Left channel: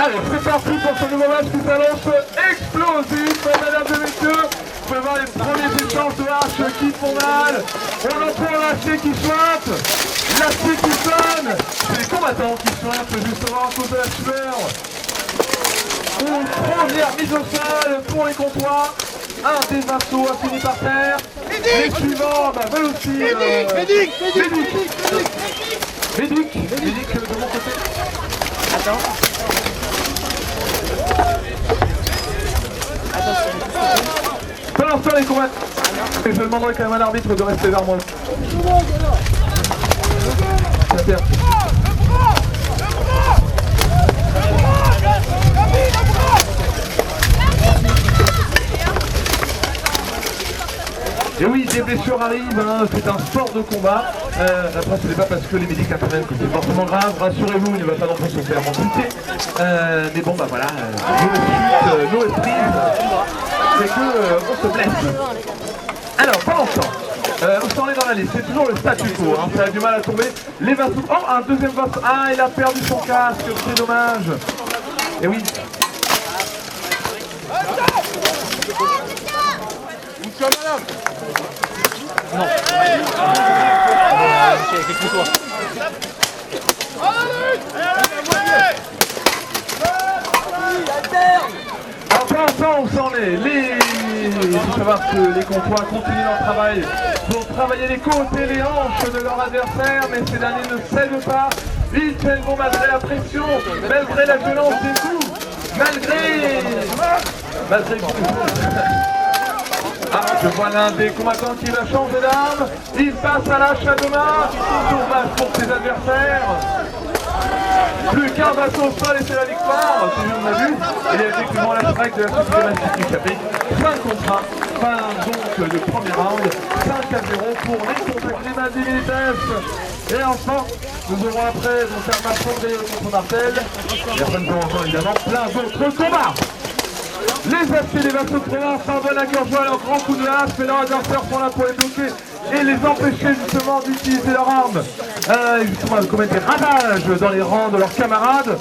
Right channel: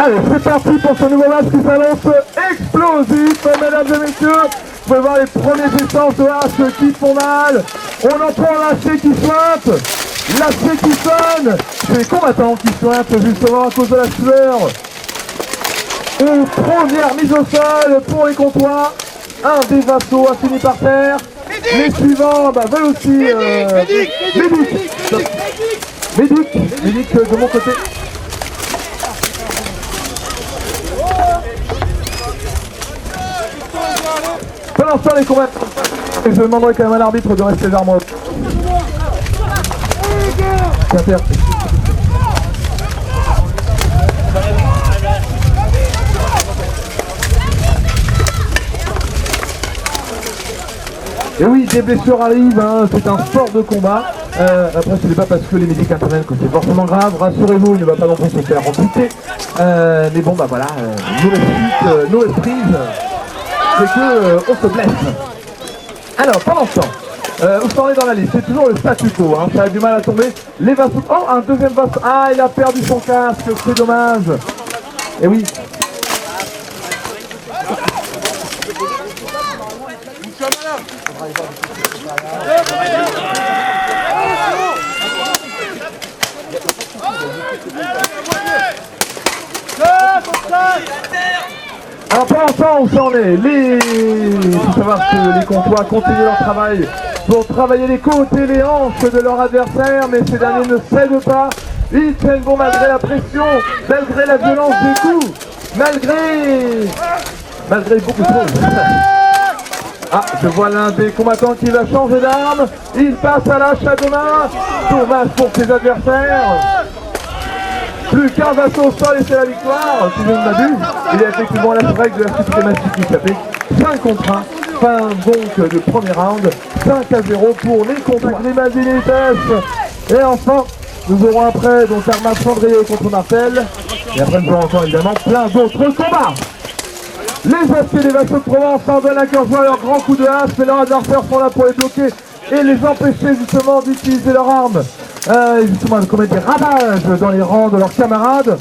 Allez, c'est parti pour ce nouveau match qui s'annonce explosif, mesdames et messieurs. Vous pouvez voir les premiers échanges de haches qui font mal. On entend l'acier qui sointe, l'acier qui sonne. C'est les combattants qui sointent justement à cause de la sueur. Une première mise au sol pour les comptoirs. Un des vassaux a fini par terre. Les suivants veulent aussi... Médic de mon côté. Pour l'instant les combats. Je demanderai quand même à l'arbitre de rester vers moi. Et oui, des blessures arrivent, hein, c'est un sport de combat. Après, ce n'est pas parce que les médicaments apprennent que c'est forcément grave. Rassurez-vous, il ne va pas non plus se faire amputer. Mais bon, voilà, nos esprits, c'est qu'on se blesse. Alors, pendant ce temps, vous serez dans la liste, c'est toujours le statu quo, hein, ça a du mal à tomber. Les vassaux, oh, un deuxième vassau, ah, il a perdu son casque, c'est dommage. Et oui. Enfin, on s'en est. Il faut savoir que les comptoirs continuent leur travail pour travailler les côtes et les hanches de leur adversaire, mais ces derniers ne cèdent pas. Ils tiennent bon malgré la pression, malgré la violence des coups, malgré beaucoup de choses. Ah, je vois l'un des combattants qui va changer d'arme. Il passe à l'âge à deux mains. Dommage pour ses adversaires. Plus qu'un vassau au sol et c'est la victoire, si je ne m'abuse. Il y a effectivement la strike de la systématique du café. 5 contre 1. Fin donc du premier round. 5-0 pour les comptoirs, les Mazilites. Et enfin, nous aurons après donc Armand Chandrier contre Martel. Et après nous aurons encore évidemment plein d'autres combats. Les aciers des vassaux de Provence parviennent à incurger leur grand coup de hache, mais leurs adversaires sont là pour les bloquer et les empêcher justement d'utiliser leurs armes. Justement, de commettre des ravages dans les rangs de leurs camarades.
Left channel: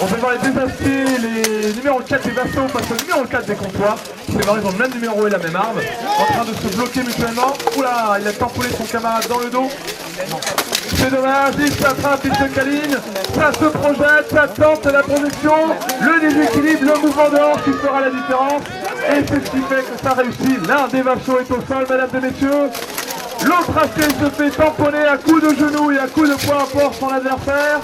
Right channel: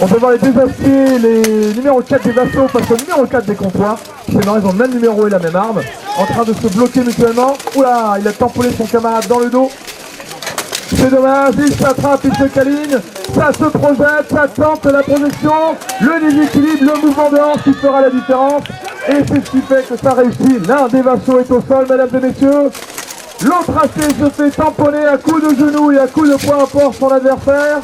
On peut voir les deux aciers, les numéros 4 des vassaux face au numéro 4 des comptoirs. C'est vrai, ils ont le même numéro et la même arme. En train de se bloquer mutuellement. Oula, il a tamponné son camarade dans le dos. C'est dommage, il s'attrape, il se câline, ça se projette, ça tente la projection, le déséquilibre, le mouvement de hanche qui fera la différence. Et c'est ce qui fait que ça réussit. L'un des vassaux est au sol, mesdames et messieurs. L'autre acier se fait tamponner à coups de genoux et à coups de poing fort son adversaire.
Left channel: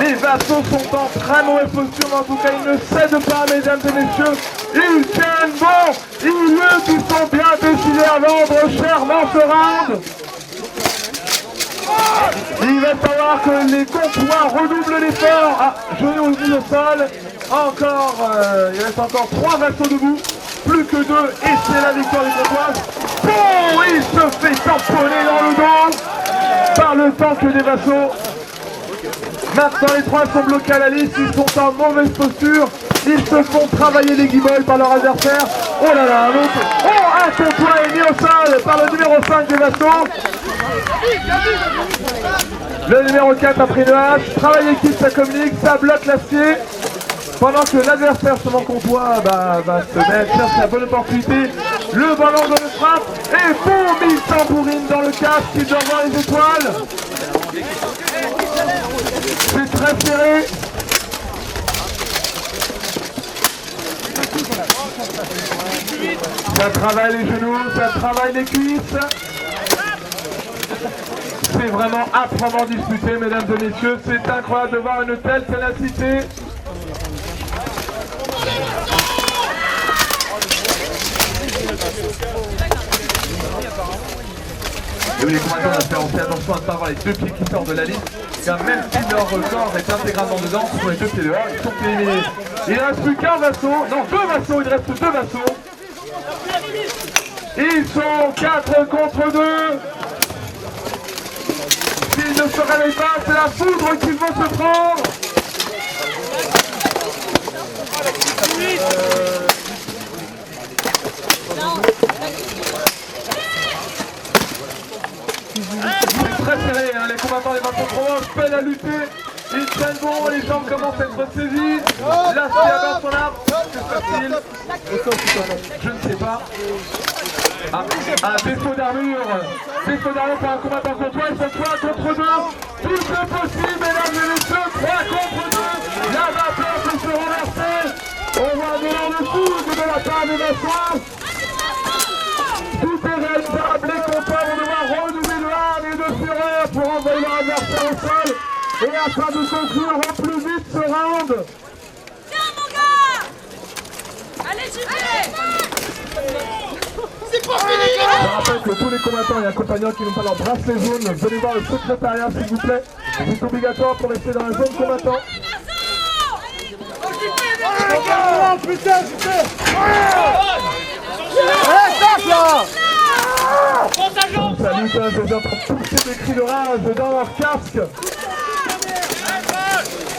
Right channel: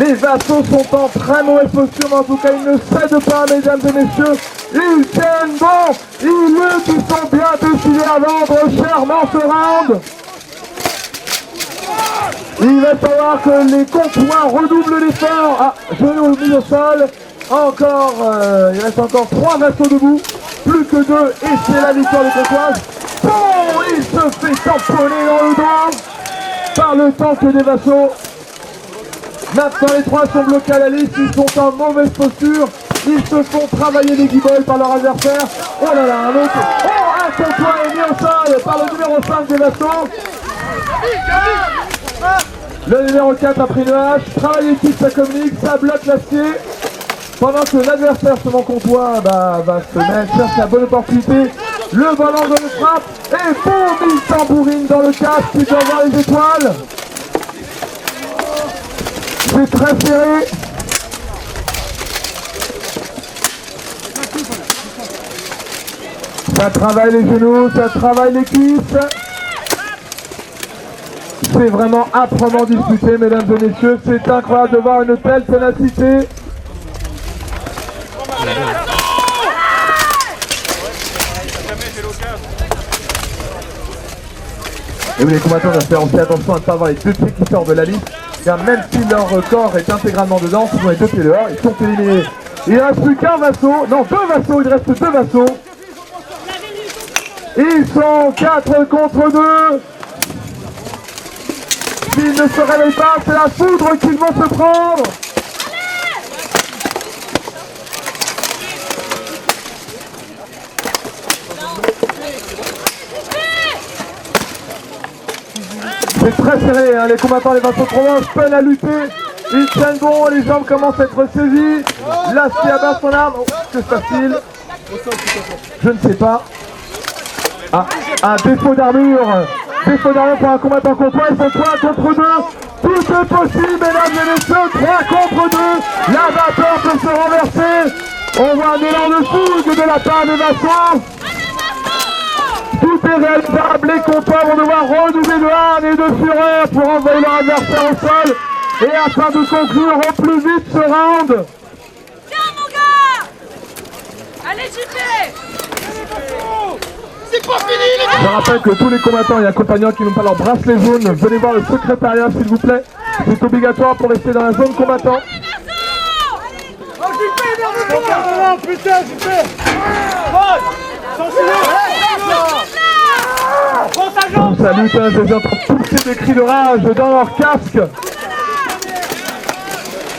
Les vassaux sont en très mauvaise posture, mais en tout cas ils ne cèdent pas, mesdames et messieurs. Ils tiennent bon, ils luttent, ils sont bien décidés à vendre chèrement ce round. Il va falloir que les comptoirs redoublent l'effort. Ah, genou mis au sol. Encore, il reste encore 3 vassaux debout. Plus que 2 et c'est la victoire des comptoirs. Oh, il se fait tamponner dans le dos par le tank des vassaux. Maintenant les 3 sont bloqués à la liste, ils sont en mauvaise posture. Ils se font travailler les guimauves par leur adversaire. Oh là là, un comptoir est mis au sol par le numéro 5 des vassaux. Le numéro 4 a pris le hache, travail d'équipe, ça communique, ça bloque l'acier. Pendant que l'adversaire sur mon comptoir va se mettre, cherche la bonne opportunité. Le ballon de le frappe et boum, il s'embourrine dans le casque qui doit voir les étoiles. C'est très serré. Ça travaille les genoux, ça travaille les cuisses. C'est vraiment âprement disputé, mesdames et messieurs. C'est incroyable de voir une telle ténacité. Et oui, les combattants vont faire aussi attention à ne pas avoir les deux pieds qui sortent de la liste. Car même si leur corps est intégralement dedans, ils ont les deux pieds dehors, ils sont éliminés. Il ne reste plus qu'un vassau, non 2 vassaux, il reste 2 vassaux. Ils sont 4 contre 2. S'ils ne se réveillent pas, c'est la foudre qu'ils vont se prendre. C'est très serré, hein, les combattants des vassaux de Provence peinent à lutter. Ils tiennent bon, les jambes commencent à être saisies. L'acier abat son arme. Que se passe-t-il? Je ne sais pas. Ah, un défaut d'armure. Défaut d'armure pour un combattant courtois. Ils sont 3 contre 2. Tout est possible, mesdames et messieurs. 3 contre 2. La vapeur peut se renverser. On voit un élan de fougue de la part des Vincent. Tout est réalisable. Les combattants vont devoir redoubler de hargne et de fureur pour envoyer leur adversaire au sol. Et afin de conclure au plus vite ce round. Tiens mon gars. Allez JP. C'est pas fini. Je rappelle que tous les combattants et accompagnants qui n'ont pas leur bracelet jaune, venez voir le secrétariat s'il vous plaît. C'est obligatoire pour rester dans la zone combattant. Putain, JP. Ça lutte, hein, je viens de pousser des cris de rage dans leur casque.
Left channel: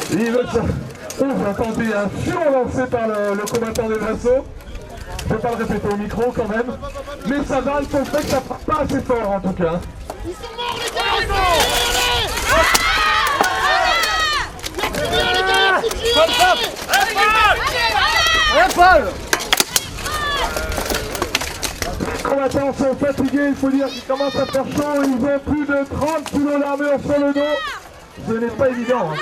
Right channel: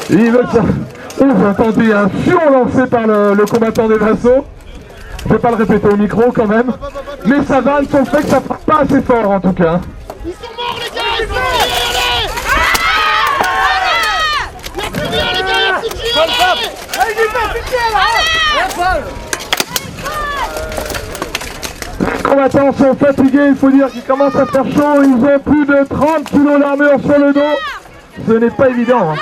Ils veulent ça. Oh, j'ai entendu un fion lancé par le combattant des vassaux. Je vais pas le répéter au micro quand même. Mais ça va, ils sont fait que ça part pas assez fort en tout cas. Ils sont morts les gars, ils sont morts, allez. Il y a plus rien les gars, il y a plus de giro. Les combattants sont fatigués, il faut dire qu'ils commencent à faire chaud. Ils ont plus de 30 kilos d'armure sur le dos. Ce n'est pas évident. Hein.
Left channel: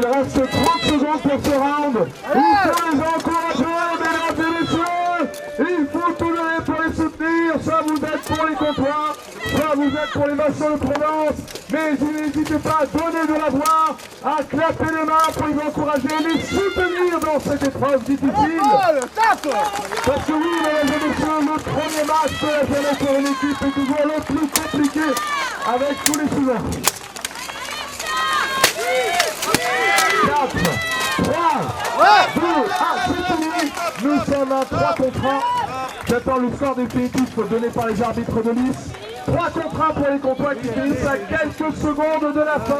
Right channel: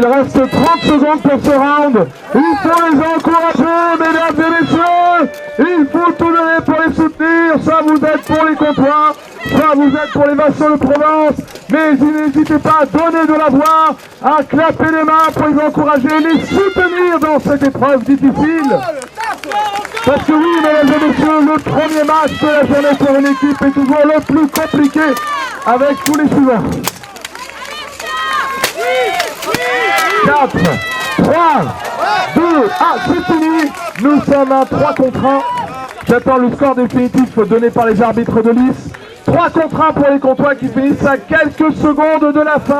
Il reste 30 secondes pour ce round. Il faut les encourager, mesdames et messieurs. Il faut tout donner pour les soutenir. Soit vous êtes pour les comptoirs, soit vous êtes pour les vassaux de Provence. Mais n'hésitez pas à donner de la voix, à clapper les mains pour les encourager, les soutenir dans cette épreuve difficile. Parce que oui, mesdames et messieurs, le premier match de la journée pour une équipe est toujours le plus compliqué avec tous les suivants. 4, 3, 2, c'est fini. Nous sommes à 3 contre 1. J'attends le score définitif donné par les arbitres de lice. 3 contre 1 pour les comptoirs qui finissent à quelques secondes de la fin.